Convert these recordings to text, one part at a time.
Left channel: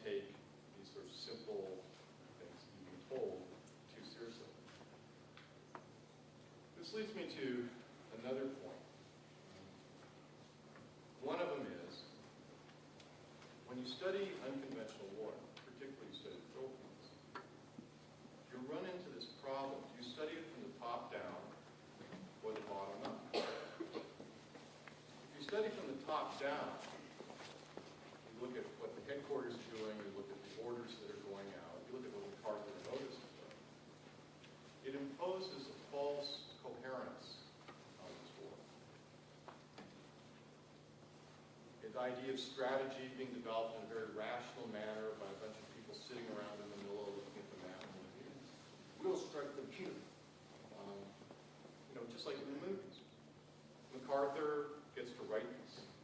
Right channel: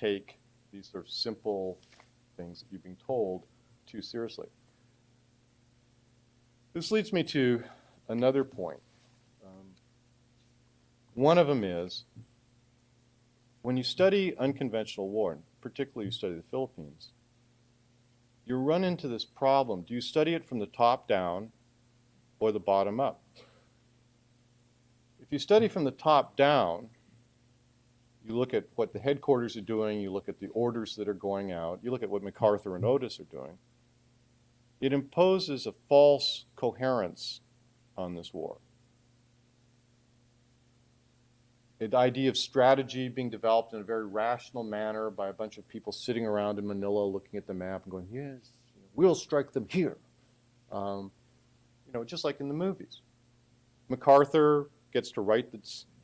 take these sort of simple things you're being told too seriously. This leads me to another point. One of them is, when you study unconventional war, particularly you study the Philippines, you run into this problem. Do you study it from the top down or the bottom up? If you study from the top down, you look at what the headquarters are doing, you look at the orders that are going out, you look at what MacArthur and Otis are doing, it imposes a false coherence on this war. The idea of strategy being developed in a very rational manner by a bunch of people sitting around in Manila looking at the map and going, yes, we'll strike them here. Just like in the movies. MacArthur gets to write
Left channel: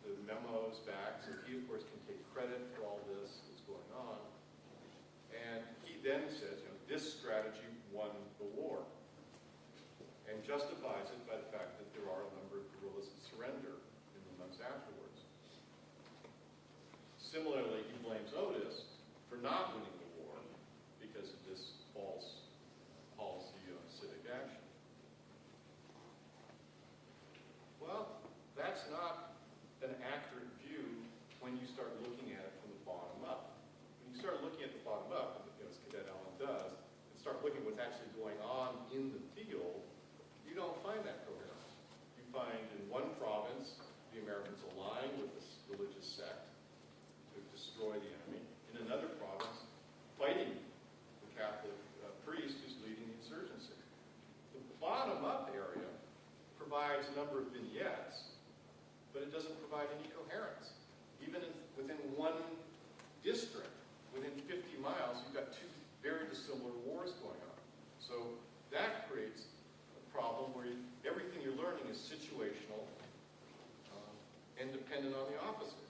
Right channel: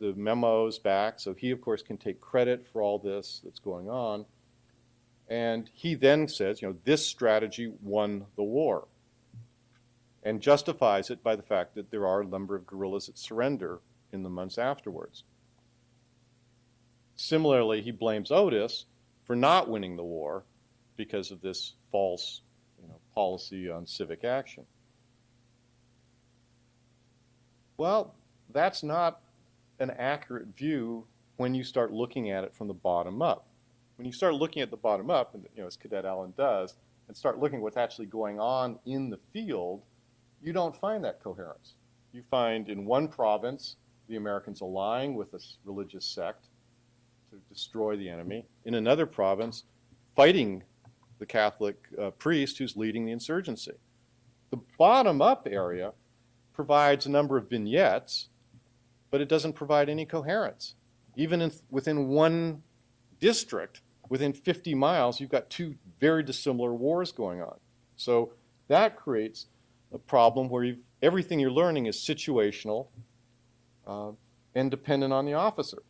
the memos back, so he, of course, can take credit for all this that's going on. And he then says, this strategy won the war, and justifies it by the fact that there are a number of guerrillas that surrender in the months afterwards. Similarly, he blames Otis for not winning the war because of this false policy on civic action. Well, that's not an accurate view when you start looking at it from the bottom up. When you start looking at the bottom up, and, as Cadet Allen does, and start looking at what's actually going on in the field, you don't find that coherence. You find in one province the Americans align with a religious sect to destroy the enemy. In another province, fighting the Catholic priest who's leading the insurgency. The bottom-up area provides a number of vignettes, but it doesn't provide any coherence. Even within one district, within 50 miles, you've got two very dissimilar wars going on. So that creates a problem where everything you're learning is situational and dependent on the officer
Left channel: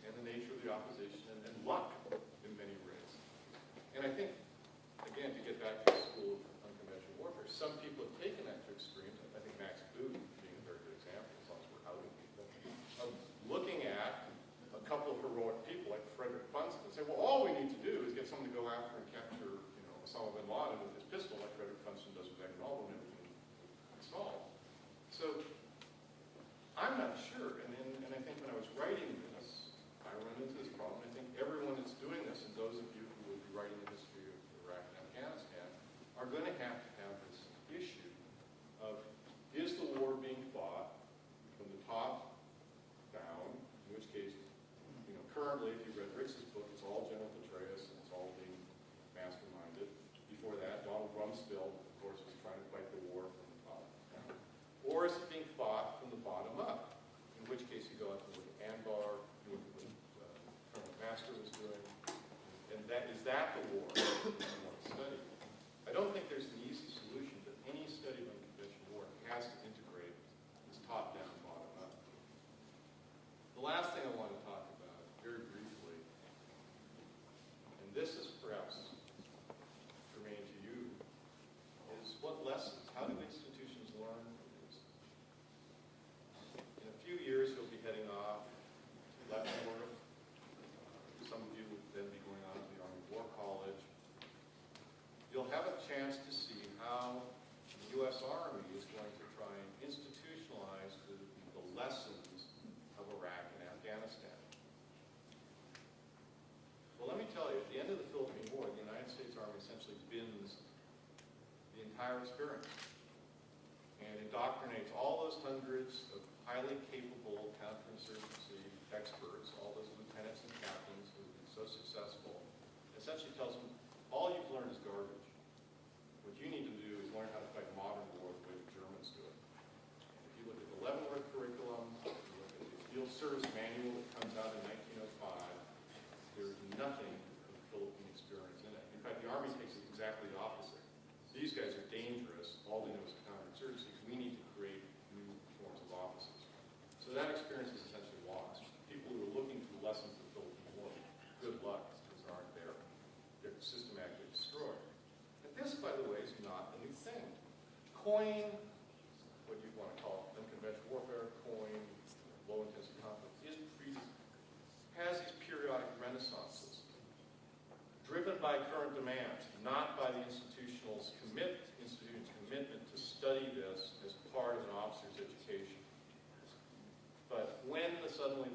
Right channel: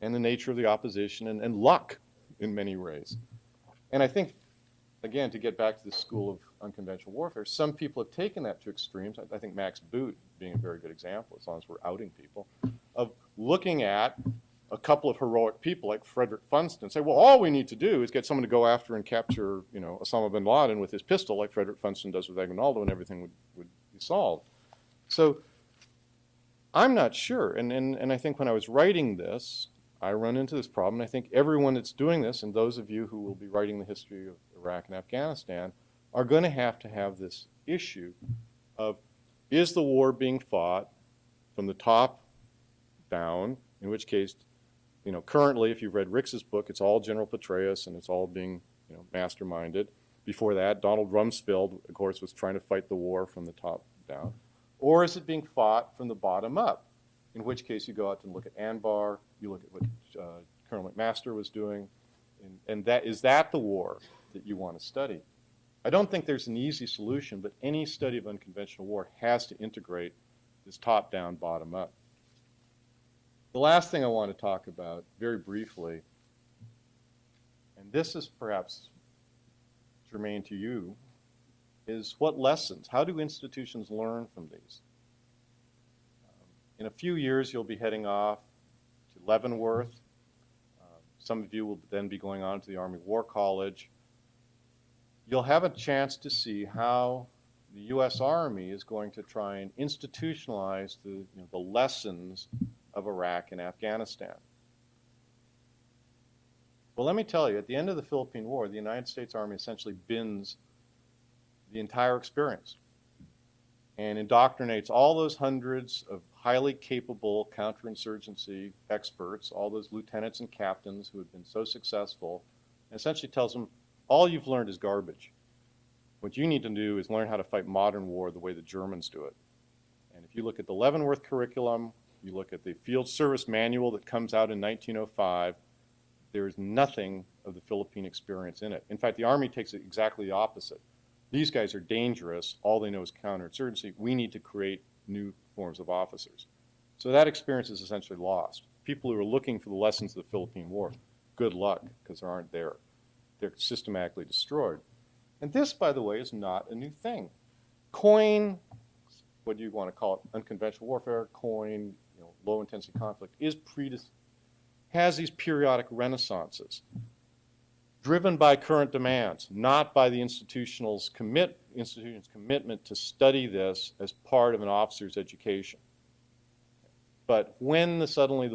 and the nature of the opposition and luck in many ways. And I think, again, to get back to the school of unconventional warfare, some people have taken that to extremes. I think Max Boot being a very good example, as long as we're outing people, of looking at a couple of heroic people like Frederick Funston and say, well, all we need to do is get someone to go after and capture, Osama bin Laden with his pistol like Frederick Funston does with Aguinaldo, and everything would be solved. So I'm not sure. And I think when I was writing this, I run into this problem. I think everyone that's doing this, and those of you who will be writing the history of Iraq and Afghanistan, are going to have this issue of, is the war being fought from the top down, in which case, currently, if you've read Ricks's book, it's all General Petraeus and it's all being masterminded. Before that, Donald Rumsfeld, of course, was trying to fight the war from the top down. Or is it being fought from the bottom up? In which case you go out and look at Anbar, you look at what Colonel McMaster was doing, and is that the war that you want to study? I don't think there's an easy solution, but any study of unconventional war has to integrate this top-down, bottom-up. The last thing I want to talk about, very briefly, and this is perhaps germane to you, is what lessons, how do institutions learn from these? In a few years, you'll be heading off to Leavenworth. Some of you will then be going on to the Army War College. You'll have a chance to see how the U.S. Army is going to try and institutionalize the lessons of Iraq and Afghanistan. Well, let me tell you, at the end of the Philippine War, the United States Army essentially bins the entire experience and indoctrinates all those hundreds of highly capable counterinsurgency experts, all those lieutenants and captains who have been so successful, and essentially tells them, all you've learned is garbage. What you need to do is learn how to fight modern war the way the Germans do it. And if you look at the Leavenworth curriculum, you look at the field service manual that comes out in 1905, there is nothing of the Philippine experience in it. In fact, the Army takes it exactly the opposite. These guys are dangerous. All they know is counterinsurgency. We need to create new forms of officers. So that experience is essentially lost. People who are looking for the lessons of the Philippine War, good luck, because they aren't there. They're systematically destroyed. And this, by the way, is not a new thing. COIN, what do you want to call it, unconventional warfare, COIN, low-intensity conflict, has these periodic renaissances. driven by current demands, not by the institution's commitment to study this as part of an officer's education. But when suddenly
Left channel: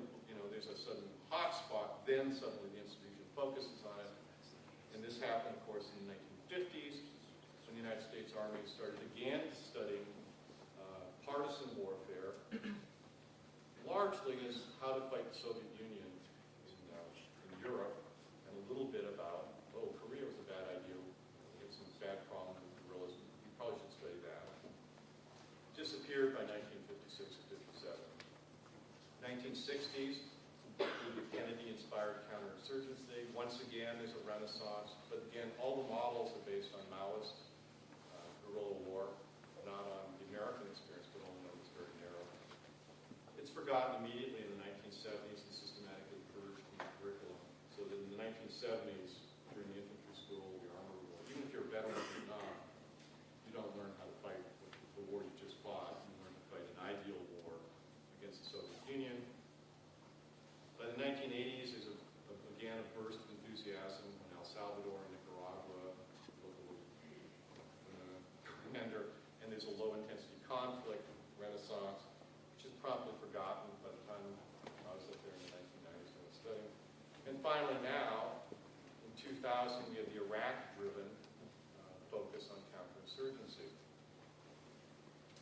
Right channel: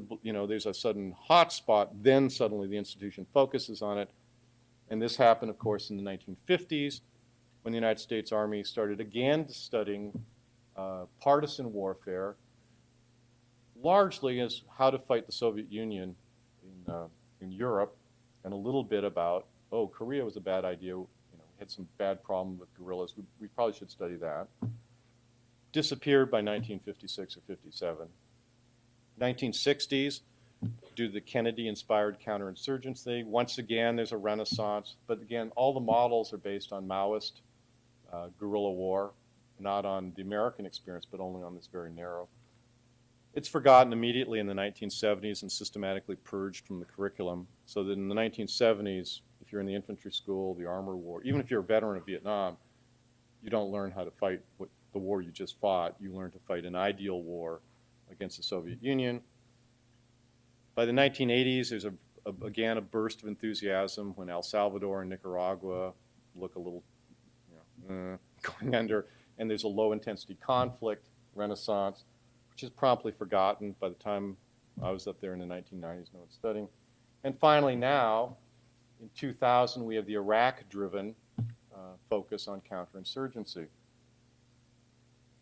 there's a sudden hot spot, then suddenly the institution focuses on it. And this happened, of course, in the 1950s when the United States Army started again studying partisan warfare, largely as how to fight the Soviet Union in Europe, and a little bit about, oh, Korea was a bad idea, had some bad problem with guerrillas, we probably should study that. Disappeared by 1956 or 57. 1960s, due to the Kennedy-inspired counterinsurgency, once again there's a renaissance, but again, all the models are based on Maoist guerrilla war, not on the American experience, but only on this very narrow. It's forgotten immediately in the 1970s and systematically purged from the curriculum, so that in the 1970s, if you're in the infantry school, the armor war, even if you're a veteran of Vietnam, you don't learn how to fight the war you just fought. You learn to fight an ideal war against the Soviet Union. By the 1980s, there's again a burst of enthusiasm when El Salvador and Nicaragua look a little going under, and there's a low-intensity conflict, renaissance, which is promptly forgotten by the time I was up there in the 1990s and I was studying. And finally now, in 2000, we have the Iraq-driven focus on counterinsurgency.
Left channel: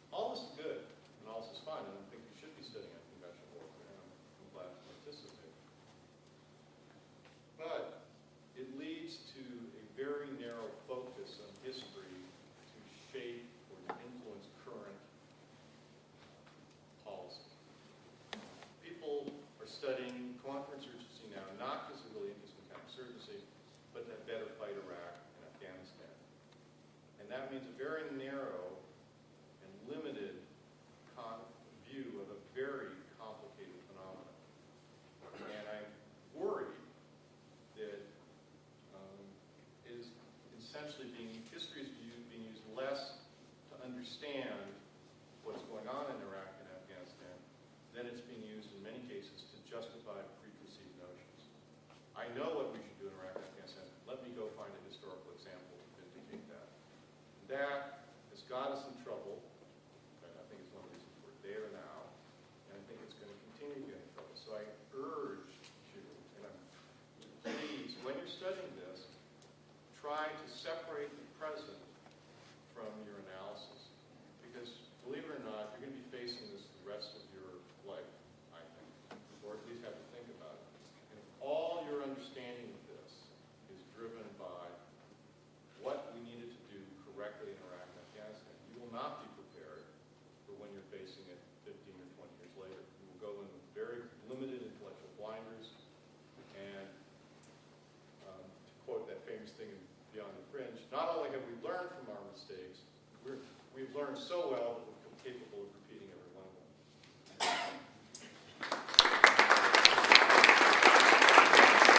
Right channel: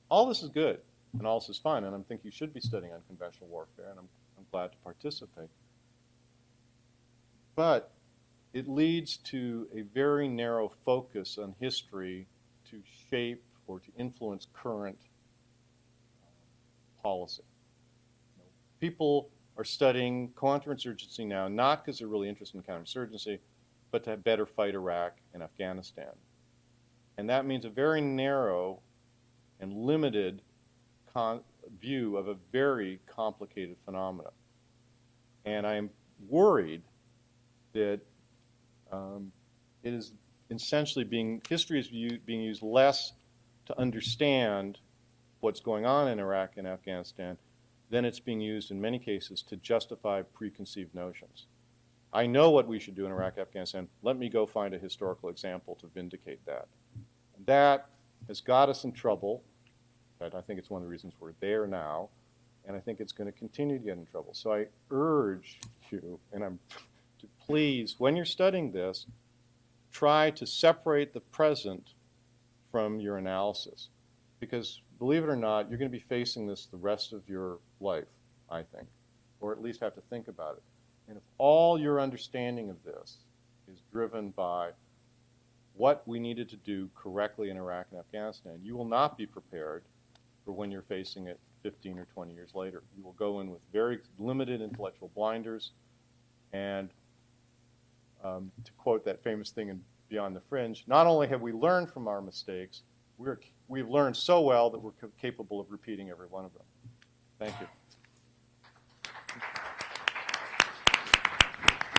All this is good, and all this is fine, and I think you should be studying on conventional warfare, and I'm glad to participate. But it leads to a very narrow focus on history to shape or to influence current policy. People are studying counterinsurgency now, not because they're really interested in counterinsurgency, but to better fight Iraq and Afghanistan. And that means a very narrow and limited view of a very complicated phenomenon. And I am worried that it is essentially history is being used less to understand what's going on in Iraq and Afghanistan than it's being used in many cases to justify preconceived notions. I know what we should do in Iraq, Afghanistan. Let me go find a historical example to vindicate that. That has got us in trouble. In fact, I think it's one of the reasons we're there now, and I think it's going to continue to get in trouble. So I urge you, and please, when you're studying this, try to separate the present from your analysis. Because, believe it or not, you're going to be facing this the rest of your life, I think, or at least have to think about it. And if all your understanding of this is driven by what we needed to do correctly in Iraq and Afghanistan, you will not be prepared for when you're facing it 15 or 20 years later. You will go in with very limited intellectual blinders, and to quote that famous thing in Beyond the Fringe, not only have we learned from our mistakes, we've learned so well that we're capable of repeating every one of them.